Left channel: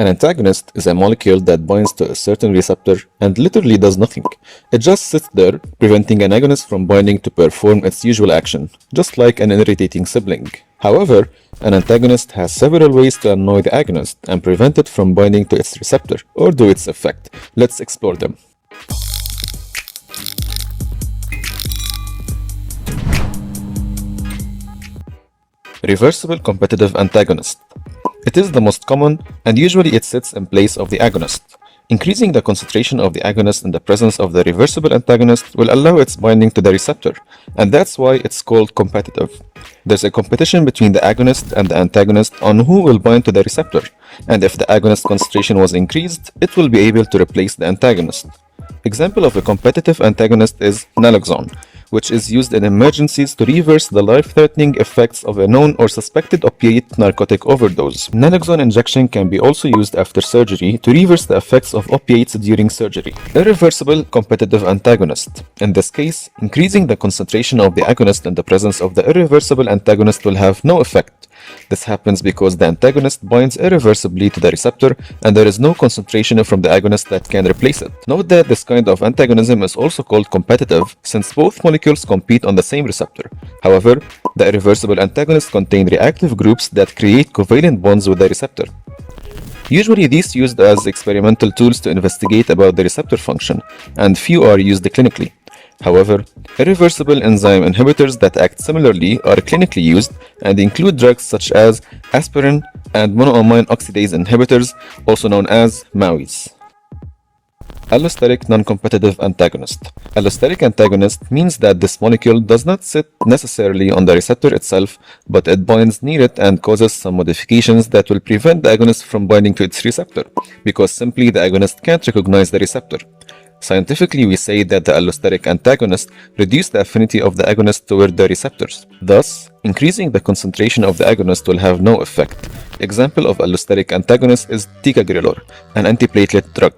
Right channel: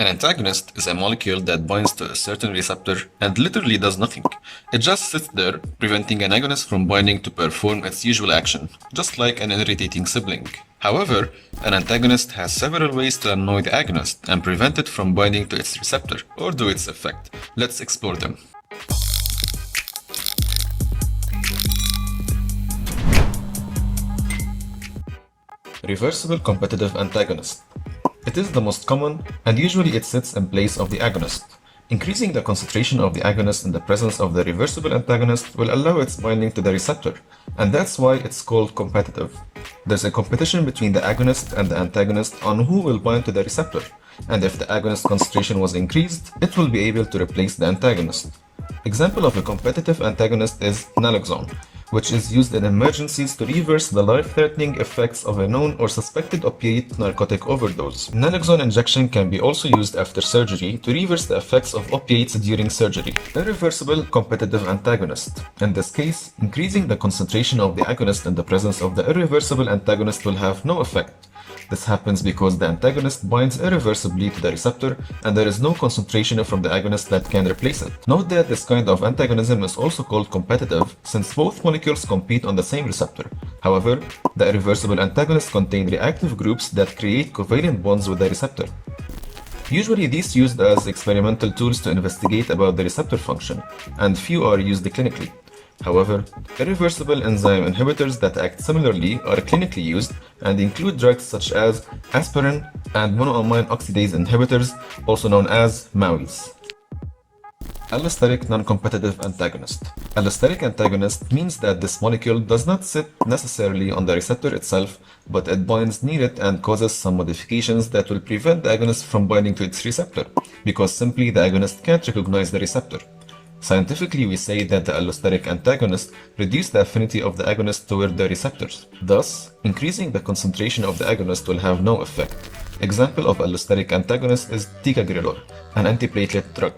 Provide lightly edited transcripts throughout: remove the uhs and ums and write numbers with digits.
An antagonist is a molecule that binds to a certain receptor and literally does nothing. It just sits there, preventing an agonist from binding to perform its usual action, just like an irritating sibling. However, an antagonist has several ways to annoy the agonist and prevent it from binding to its receptor or do its effect. Let's explore them. Reversible competitive antagonist. It is the most common, and usually it sits in place of the agonist. Increasing the concentration of the agonist in the presence of the reversible antagonist will allow its binding to the receptor, and that's why it's called competitive. There's a competition between the agonist and the antagonist on who will bind to the receptor, and if the agonist concentration was increased, it will be able to replace the antagonist. Example of a competitive antagonist is naloxone, which is used in emergencies to reverse the life-threatening effects of a known or suspected opiate narcotic overdose. Naloxone injection can be also used after surgery to reverse the effects of opiates during surgery. Irreversible competitive antagonist. In this case, increasing the concentration of the agonist in the presence of the irreversible antagonist will have no effect. This happens because the antagonist binds irreversibly to the receptor and there is no concentration from the agonist that can replace it. Note that this kind of antagonism is also called competitive since both molecules compete on the same receptor. However, the irreversible antagonists contain reactive groups that create covalent bonds with the receptor. Usually these are used as experimental tools to investigate about the receptor function, and few are used clinically. However, irreversible enzyme inhibitors that act similarly are clinically used and include drugs such as aspirin and monoamine oxidase inhibitors, also known as MAOIs. Allosteric non-competitive antagonist. Allosteric antagonist means that this molecule does not sit necessarily on the receptor itself, but it binds near it and causes some modifications that will prevent the agonist from binding to its receptor, because simply the agonist can't recognize the receptor. Scientifically, we say that the allosteric antagonist reduces the affinity of the agonist toward the receptors. Thus, increasing the concentration of the agonist will have no effect. Example of allosteric antagonist is ticagrelor, an antiplatelet drug.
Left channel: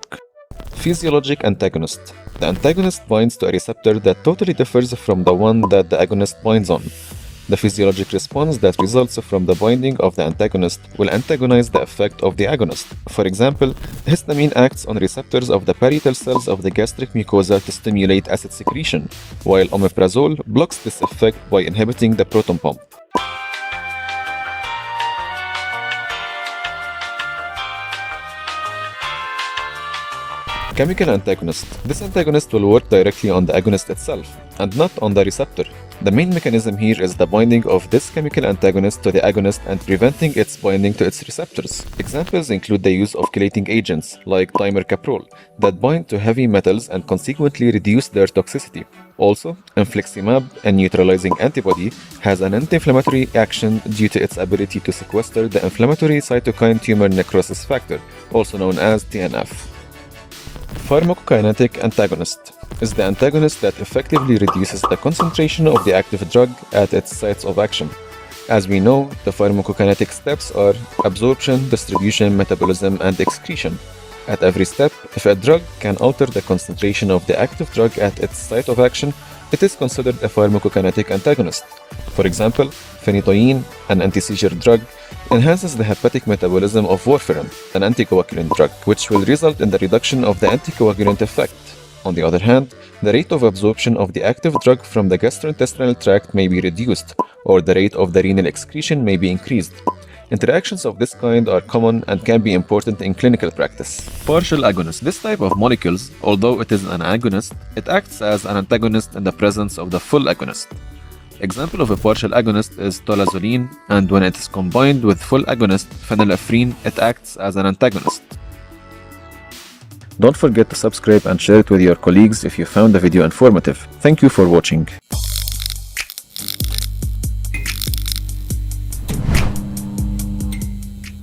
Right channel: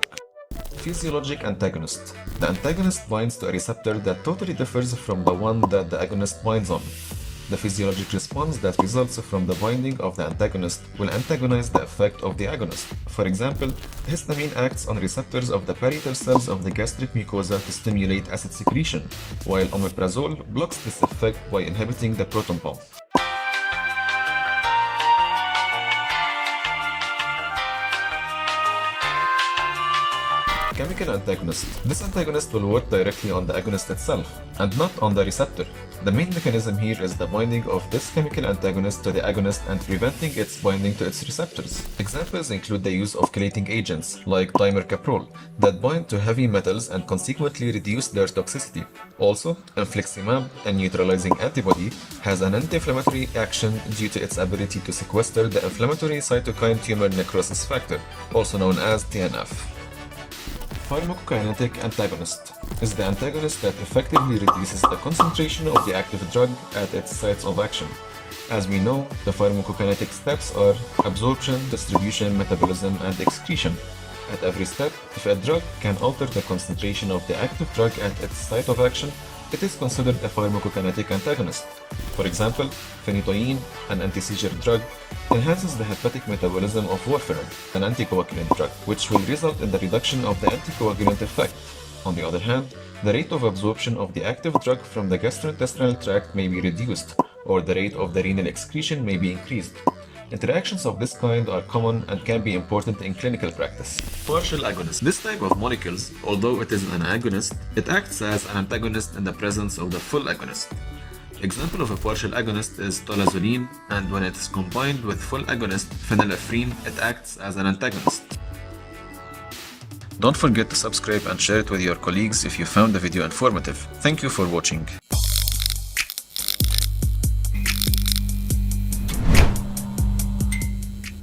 Physiologic Antagonist. The antagonist binds to a receptor that totally differs from the one that the agonist binds on. The physiologic response that results from the binding of the antagonist will antagonize the effect of the agonist. For example, histamine acts on receptors of the parietal cells of the gastric mucosa to stimulate acid secretion, while omeprazole blocks this effect by inhibiting the proton pump. Chemical antagonist. This antagonist will work directly on the agonist itself, and not on the receptor. The main mechanism here is the binding of this chemical antagonist to the agonist and preventing its binding to its receptors. Examples include the use of chelating agents, like dimercaprol, that bind to heavy metals and consequently reduce their toxicity. Also, infliximab, a neutralizing antibody, has an anti-inflammatory action due to its ability to sequester the inflammatory cytokine tumor necrosis factor, also known as TNF. Pharmacokinetic Antagonist is the antagonist that effectively reduces the concentration of the active drug at its sites of action. As we know, the pharmacokinetic steps are absorption, distribution, metabolism, and excretion. At every step, if a drug can alter the concentration of the active drug at its site of action, it is considered a pharmacokinetic antagonist. For example, phenytoin, an anti-seizure drug, enhances the hepatic metabolism of warfarin, an anticoagulant drug, which will result in the reduction of the anticoagulant effect. On the other hand, the rate of absorption of the active drug from the gastrointestinal tract may be reduced, or the rate of the renal excretion may be increased. Interactions of this kind are common and can be important in clinical practice. Partial agonist. This type of molecules, although it is an agonist, it acts as an antagonist in the presence of the full agonist. Example of a partial agonist is tolazoline, and when it is combined with full agonist phenylephrine, it acts as an antagonist. Don't forget to subscribe and share it with your colleagues if you found the video informative. Thank you for watching.